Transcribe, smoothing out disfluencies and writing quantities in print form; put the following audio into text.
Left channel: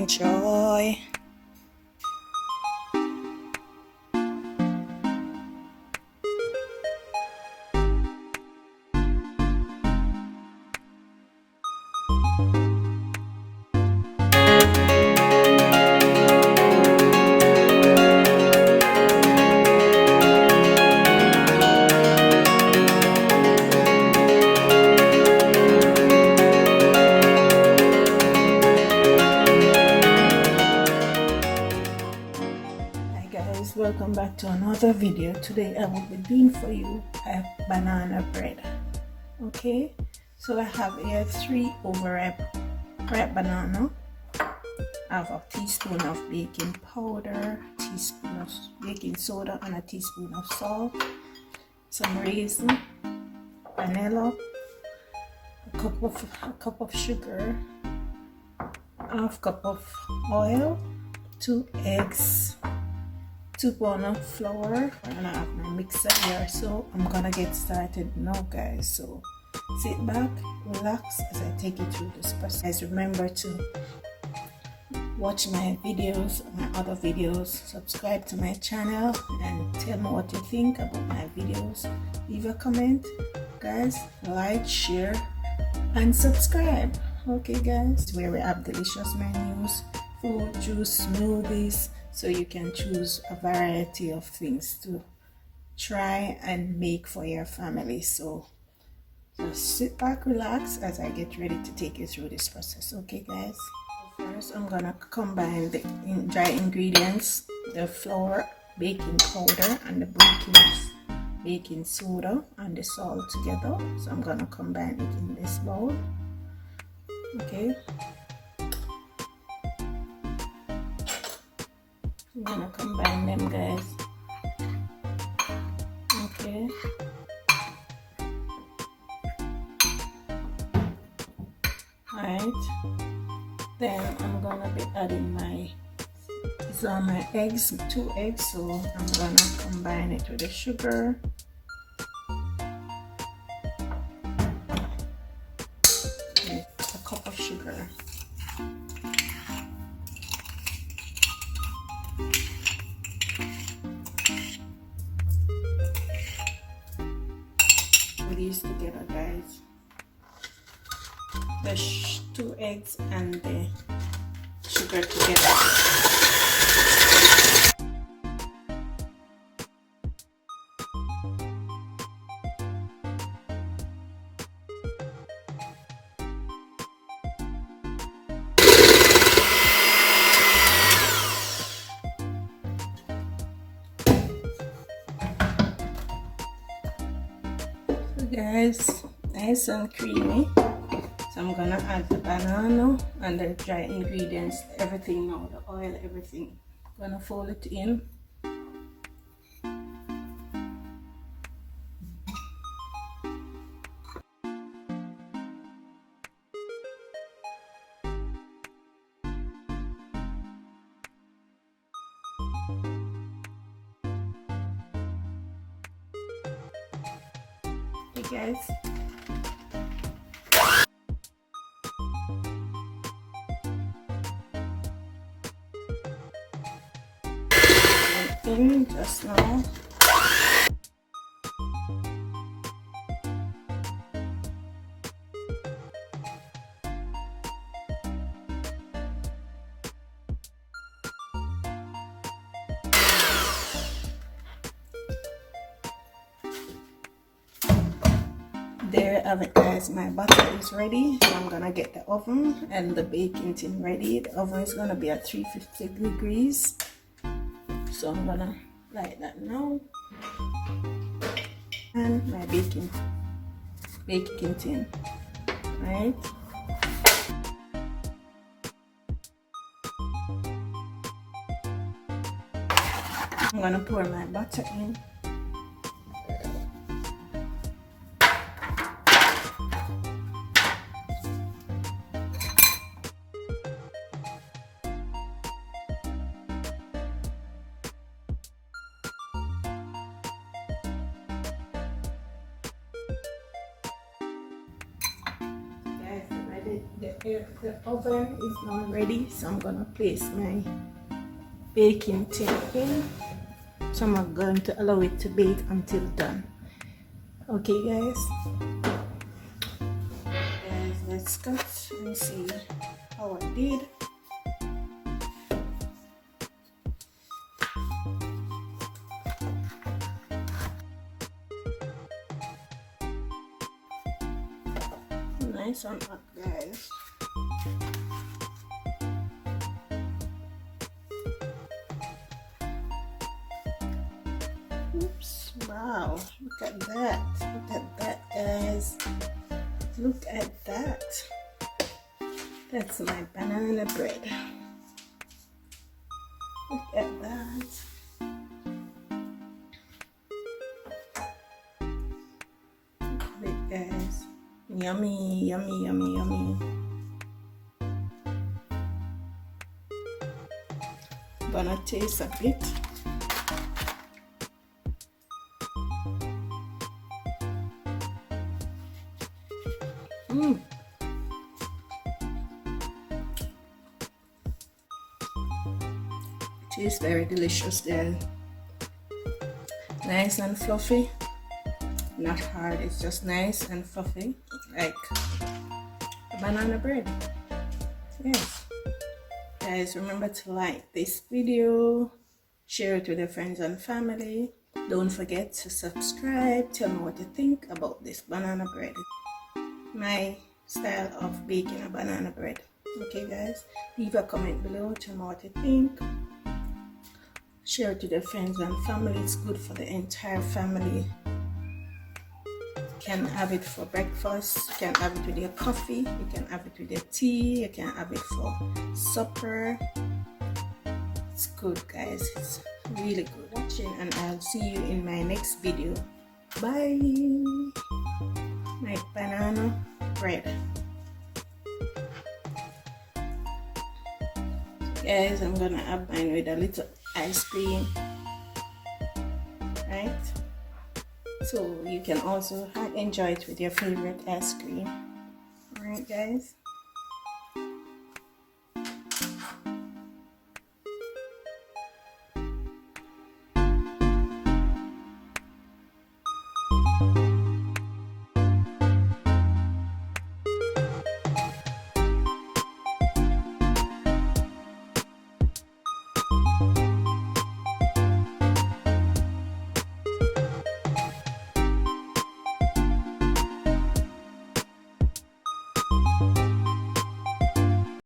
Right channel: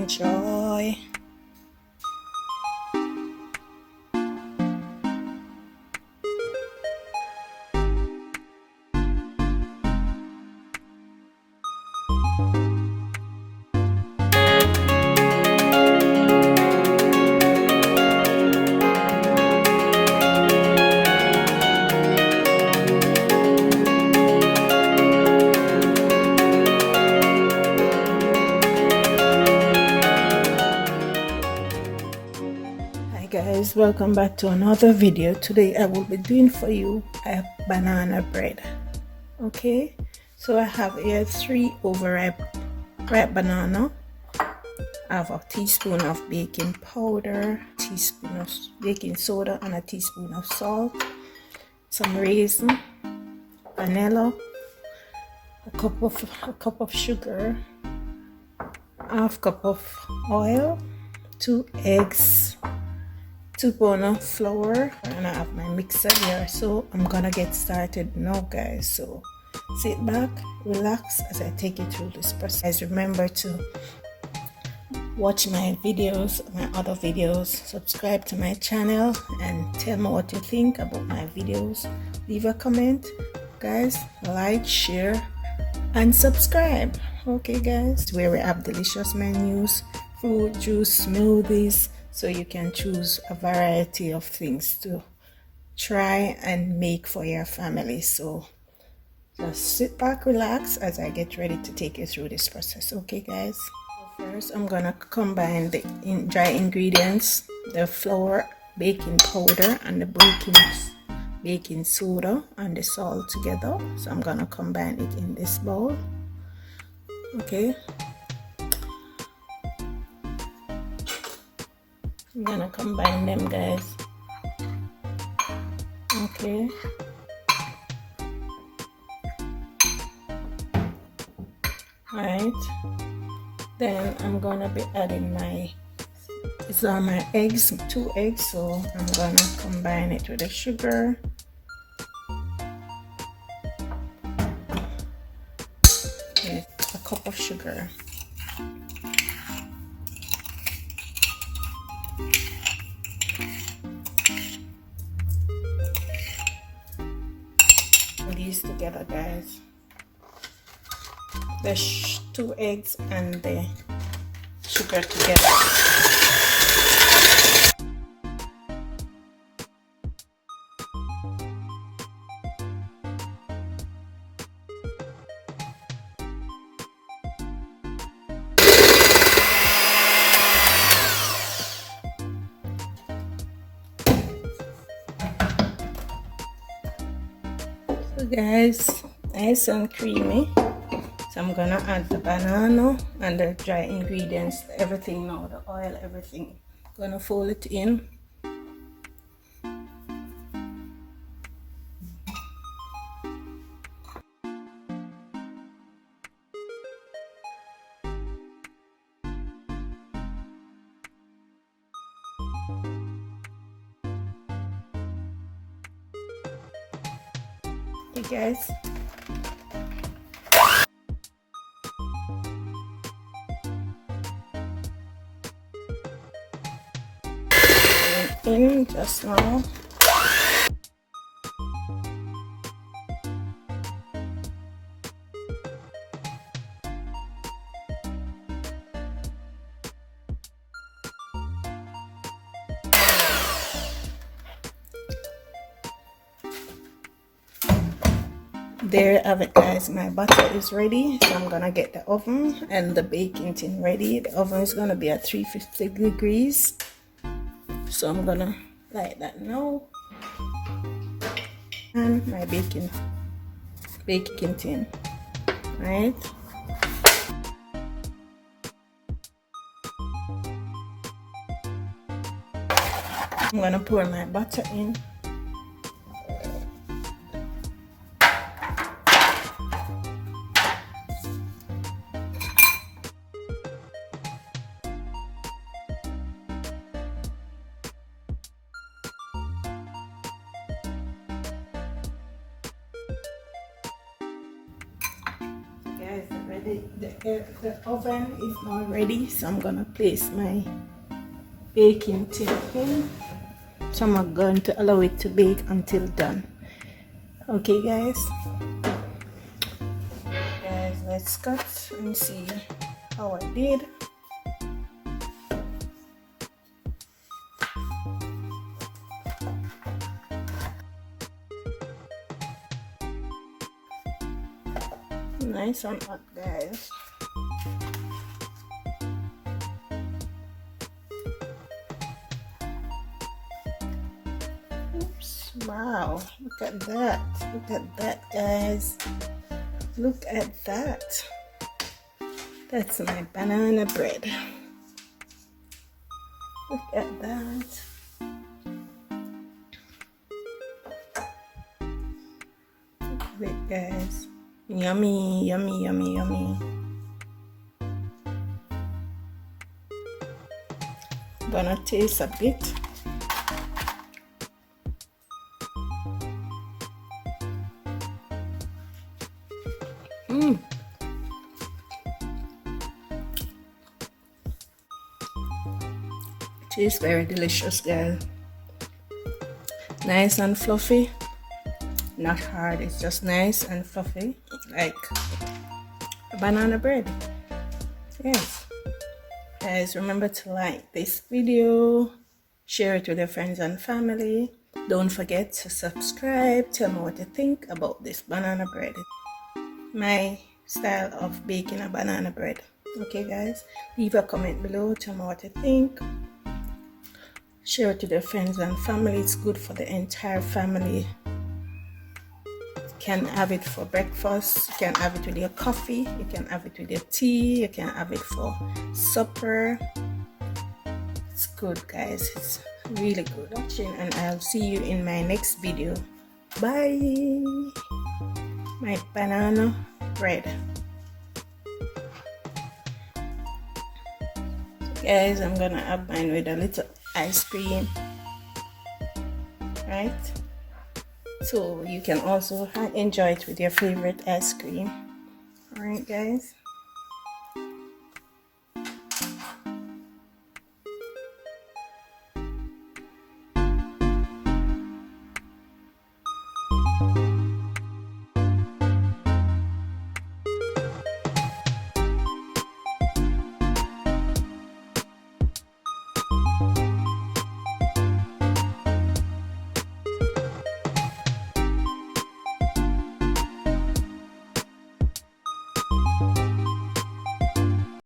enjoy. Guys, welcome back to another video. Today I will be doing for you a banana bread. Okay, so I have here 3 overripe banana. I have a teaspoon of baking powder, a teaspoon of baking soda, and a teaspoon of salt, some raisin, vanilla, a cup of sugar, half cup of oil, 2 eggs, 2 pounds of flour, and I have my mixer here. So I'm gonna get started now, guys. So sit back, relax as I take you through this process. Remember to watch my videos, my other videos, subscribe to my channel, and tell me what you think about my videos. Leave a comment, guys. Like, share, and subscribe. Okay, guys, where we have delicious menus, fruit juice, smoothies, so you can choose a variety of things to try and make for your family. So just sit back, relax as I get ready to take you through this process. Okay, guys. First, I'm gonna combine the dry ingredients, the flour, baking powder, and the baking soda and the salt together. So I'm gonna combine it in this bowl. Okay. I'm gonna combine them, guys. Okay. Alright. Then I'm gonna be adding these are my eggs, 2 eggs, so I'm gonna combine it with the sugar. And a cup of sugar. These together, guys. The 2 eggs and the sugar together. So guys, nice and creamy. So I'm gonna add the banana and the dry ingredients, everything now, the oil, everything. Gonna fold it in. Okay, guys. In just now. There I have it, guys. My butter is ready, so I'm gonna get the oven and the baking tin ready. The oven is gonna be at 350 degrees. So I'm gonna light that now, and my baking tin, right? I'm gonna pour my butter in. The the oven is now ready, so I'm gonna place my baking tin in. So I'm going to allow it to bake until done. Okay guys, let's cut and see how I did. Nice and hot, guys. Oops, wow, look at that. Look at that, guys. Look at that. That's my banana bread. Look at that. Look at it, guys. Yummy, yummy, yummy, yummy. I'm gonna taste a bit. Tastes very delicious, guys. Nice and fluffy. Not hard, it's just nice and fluffy, like a banana bread. Yes. Guys, remember to like this video, share it with your friends and family. Don't forget to subscribe. Tell me what you think about this banana bread. My style of baking a banana bread. Okay guys, leave a comment below. Tell me what you think. Share it with your friends and family. It's good for the entire family. You can have it for breakfast, you can have it with your coffee, you can have it with your tea, you can have it for supper. It's good guys, it's really good. Watching, and I'll see you in my next video. Bye. My banana bread. So guys, I'm gonna have mine with a little ice cream, right? So you can also enjoy it with your favorite ice cream. Alright guys.